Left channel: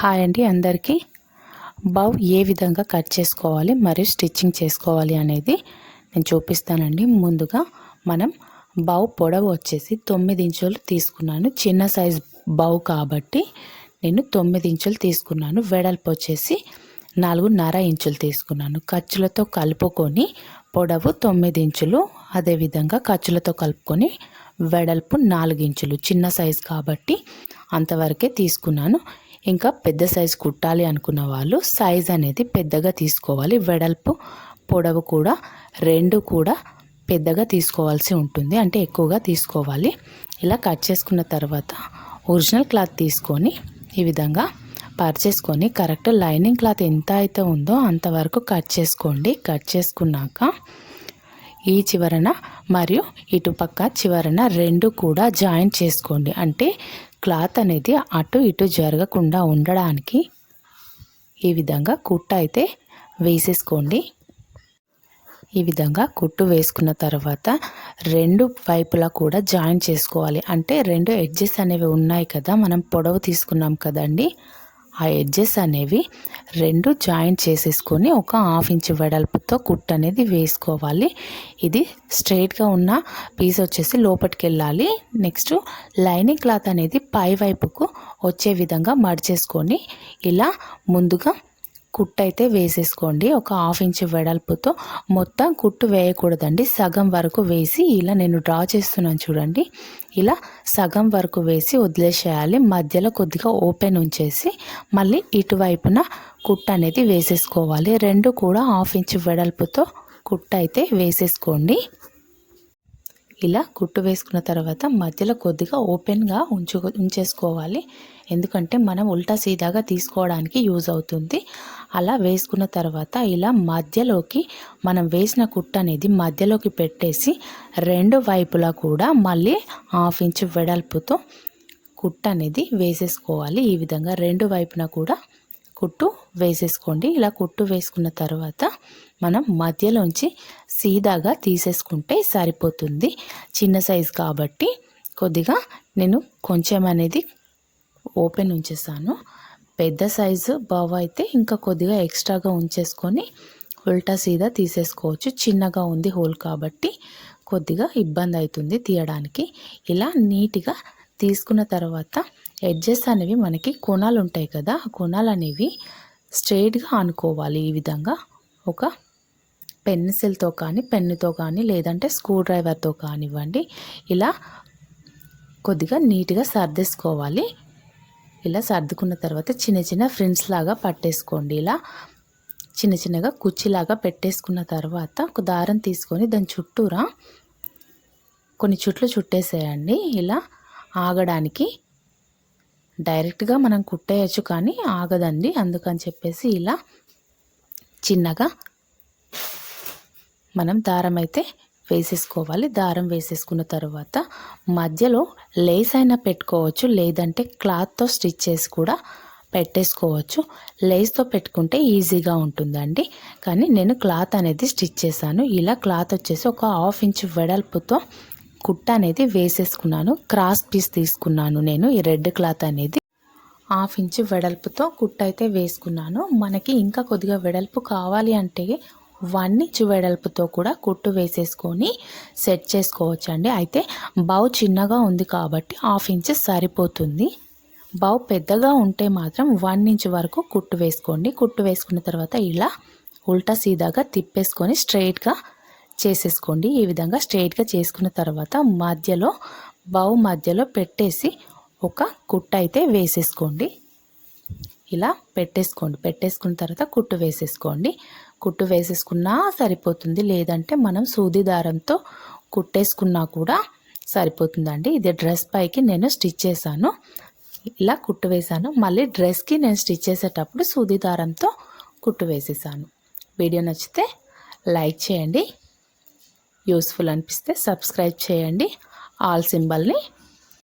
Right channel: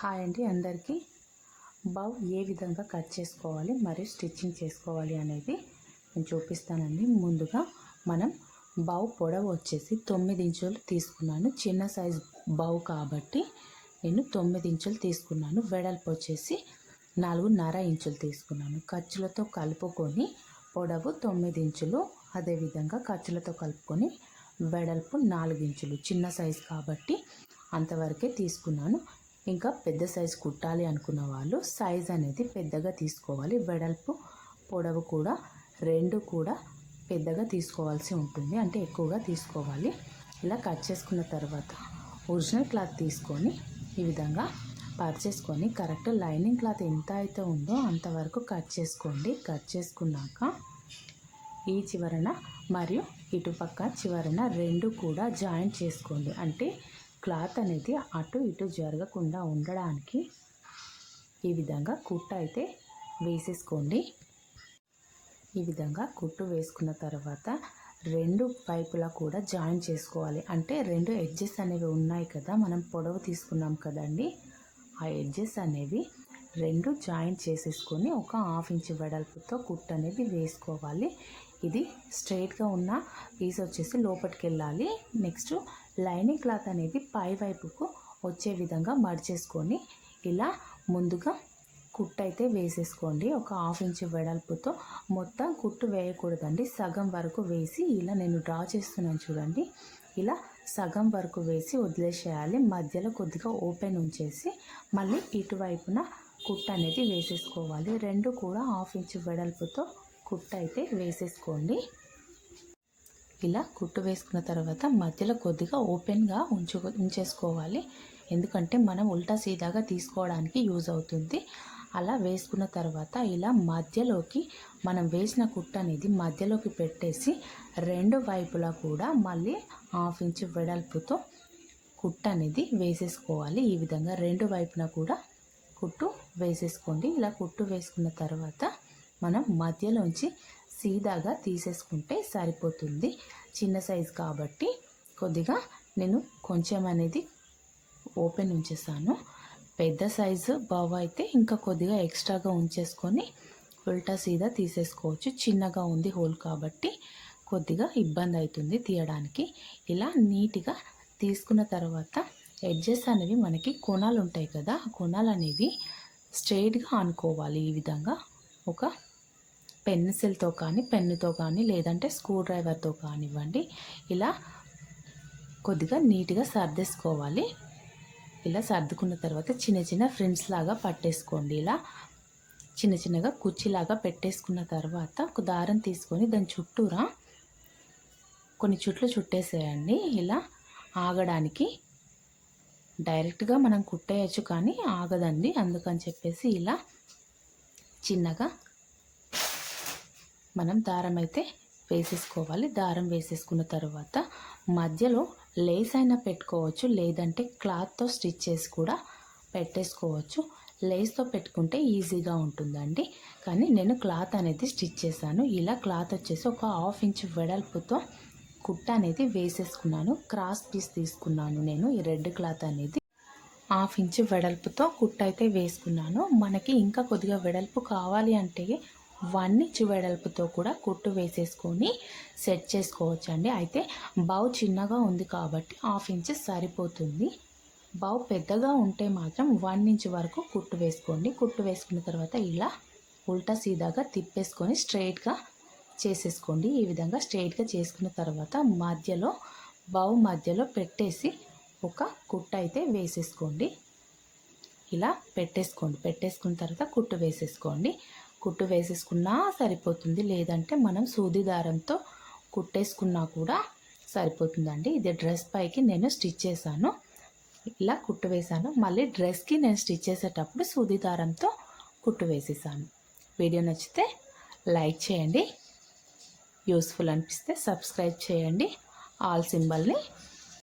Hi అండి అందరికీ. బౌ ఏ విధంగా కట్ చేసుకోవాలి మరియు స్టిచ్చింగ్ చేసుకోవాలి అనేది నేను చూపిస్తానండి. ముందుగా మనం బౌ పొడవు వచ్చేసి తొమ్మిది ఇంచులు తీసుకున్నాను. చిన్న సైజ్ బౌ కాబట్టి నేను తొమ్మిది ఇంచులు తీసుకున్నాను. వెడల్పు వచ్చేసి నాలుగున్నర ఇంచులు తీసుకున్నాను. ఖర్చులతో కలుపుకొని పొడవు తొమ్మిది ఇంచులు అదేవిధంగా ఖర్చులతో కలుపుకొని వెడల్పు నాలుగు ఇంచులు చిన్న సైజు కాబట్టి అంతవరకే తీసుకున్నాను. ఇంకా పెద్ద సైజు కుట్టాలి అనుకున్న వాళ్ళు సైజ్ అనేది పెద్దగా తీసుకోవాలి. వెడల్పు పొడవు కూడా రెండు కూడా పెద్దగా తీసుకోవాల్సి ఉంటుంది. అంటే ఎక్కువగా తీసుకోవాలి. ఇలా కట్ చేసుకున్న తర్వాత ఒరిజినల్ క్లాత్ తీసుకొని ఈ విధంగా పర్చేసుకొని కరెక్ట్ లైనింగ్ క్లాత్ ఎంత అయితే ఉందో అంతవరకు కట్ చేసుకోండి. కట్ చేసుకున్నాక ఈ చివరన మరియు ఇటుపక్క చివరన రెండు కూడా జాయిన్ చేసుకోండి. అంటే క్లాత్ అనేది అటు ఇటు జరగకుండా ఉండడానికి ఈ విధంగా కుట్ట అయితే వేసేసుకోండి. ఈ విధంగా కుట్టు వేసుకున్న తర్వాత రెండు వైపులా కూడా జాయిన్ చేసుకోవాలి. అంటే రెండు ఎడ్జెస్ అనేవి ఉన్నాయి కదా మనం పొడవు తీసుకున్నాం కదండి. ఆ ఎడ్జెస్ అనేవి రెండు జాయింట్ చేసేసుకొని ఒక హాఫ్ ఇంచ్ వెడల్పుతో కుట్ అనేది వేసుకోవాలి. ఇది స్ట్రైట్గా ఉన్న పీస్ వచ్చేసి లోపలికి వెళ్ళాలి నెక్స్ట్ లైనింగ్ క్లాత్ అనేది పై వైపుకు వచ్చే విధంగా మడిచేసుకొని ఇలా ముందుగా కుట్టు అయితే వేసేసుకోండి. ఒక హాఫ్ ఇంచ్ వెడల్పుతో మొత్తం కుట్టు వేయకూడదండి. సగం వరకు వేసి ఇలా నేను డ్రా చేస్తున్నాను చూడండి. ఇలా సగం వరకు వేసి వదిలేసేయాలి. మధ్యలో కొద్దిగా ఓపెన్ ఉంచేసి మళ్ళీ ఇటువైపున కుట్టు అనేది వేసేసుకోవాలి. రెండు కూడా హాఫ్ ఇంచ్ వెడల్పుతో కుట్టు అయితే వేసేసుకోండి. ఇలా కుట్టు వేసుకున్న తర్వాత మధ్యలో కొద్దిగా ఓపెన్గా ఉంచు ఉంచేసుకోవాలి. ఎందుకంటే మనం ఉల్టా సీదాగా తీసుకోవడానికి యూజ్ అవుతుంది. అలా వేసుకున్న తర్వాత ఇలా మధ్యలోకి మనం వేసిన కుట్ట అనేది మధ్యలోకి పెట్టేసి రెండు వైపులా కూడా మళ్ళీ హాఫ్ ఇంచ్ వెడల్పుతో కుట్ట అనేది వేసేసుకోవాలి. ఈ విధంగా రెండు వైపున కూడా కుట్టు వేసేసుకోండి. ఇలా కుట్టు వేసుకున్న తర్వాత మనం మధ్యలోంచి సీదాగా తీసేసుకుంటే సరిపోతుంది. చిన్న సైజు కాబట్టి కొద్దిగా నేను కొంచెం అనేది ఓపెన్ ఉంచేసాను. పెద్ద సైజు బావ అయితే ఇంకా కొద్దిగా ఎక్స్ట్రాగా ఉంచేసుకొని ఉల్టా సీదా తీసేసుకోవచ్చు. చిన్నగా ఉంది హోల్ కాబట్టి కొద్దిగా ఇబ్బంది అవుతుంది తీయడానికి. ఇలా నీట్గా తీసుకున్న తర్వాత ఎడ్జెస్ అనేవి మనకి కొనాలు ఉంటాయి కదా కొనాలు అనేవి స్ట్రైట్గా అనుకోవాలి ఈ విధంగా ఒక పెన్సిల్తో కానీ పెన్నుతో కానీ లేదంటే స్క్రూ డ్రైవర్తో కానివ్వండి ఇలా కొద్దిగా నీట్గా సర్దేసుకోవాలి. ఇలా సర్దుకున్న తర్వాత చిన్న చిన్న ఫ్రెండ్స్ లాగా పట్టేసుకోండి. ఇలా చిన్న చిన్నగా కుర్చీలాగా పెట్టేసుకున్న తర్వాత ఒక దారం తీసుకొని దాని చుట్టూరా కొన్ని చుట్లు చుట్టేసేయండి. ఇలా ఆగడానికి డైరెక్ట్గా మనం కుట్టేయచ్చు కానీ ఆగదండి. అందుకని చెప్పేసి ఇలా చిన్నగా మనం దారం అయితే వేసేసుకోవాలి. దారం వేసేసుకున్న తర్వాత మధ్యలో లేస్ అయినా పెట్టుకోవచ్చు. లేదంటే క్లాత్తో స్టిచ్ చేసి కూడా పెట్టేసుకోవచ్చు. లేస్తో పెట్టుకుంటే ఈజీగా ఉంటుందండి. కానీ నేను క్లాత్ అనేది స్టిచ్ చేశాను. ఇలా క్లాత్ వచ్చేసి ఒక హాఫ్ ఇంచ్ వెడల్పుతో కుట్ట అనేది వేసేసుకున్నాను. క్రాస్ పీస్ తీసుకున్నాను నేను. ఈ రెడ్ క్లాత్ అనేది హాఫ్ ఇంచ్ వెడల్పుతో కుట్ట అయితే వేసుకున్నాను. మనకి ఇంకా కొద్దిగా వెడల్పు కావాలి అంటే వన్ ఇంచ్ వెడల్పుతో కూడా కుట్టు వేసేసుకొని సెట్ చేసుకోవచ్చండి. అయితే బౌ చిన్నగా ఉంది కాబట్టి హాఫ్ ఇంచ్ సరిపోతుంది. బౌ పెద్దగా ఉంటే మాత్రం వన్ ఇంచ్ వరకు కుట్టు వేసుకోండి. కుట్టు వేసుకున్న తర్వాత ఇలా ఉల్టా సీదాగా తిప్పేసుకొని స్ట్రైట్గా చేసేసుకోండి. ఈ విధంగా స్ట్రైట్గా చేసుకున్న తర్వాత మధ్యలో బౌ మధ్యలో పెట్టేసి ఒక కుట్టు అయితే వేసేసుకోండి. ఇలా పెట్టేసుకోండి. పెట్టేసుకున్న తర్వాత కుట్టు వేసేసుకోండి. కుట్టు వేసేసుకున్నా సరిపోతుంది. లేదంటే మనం సూది దారంతో కుట్టేసుకున్నా కూడా సరిపోతుందండి. ఇది డ్రెస్ పైకి నేను స్టిచ్ చేశాను. ఇలా కుట్టు వేసాను మళ్ళీ డ్రెస్కి నేను స్టిచ్ చేసేటప్పుడు సూది దారంతో కుట్టు వేసేసాను. వీడియో నచ్చితే లైక్ చేయండి. యూస్ఫుల్ అనిపిస్తే సబ్స్క్రైబ్ చేయండి. ఆల్ సింబల్ని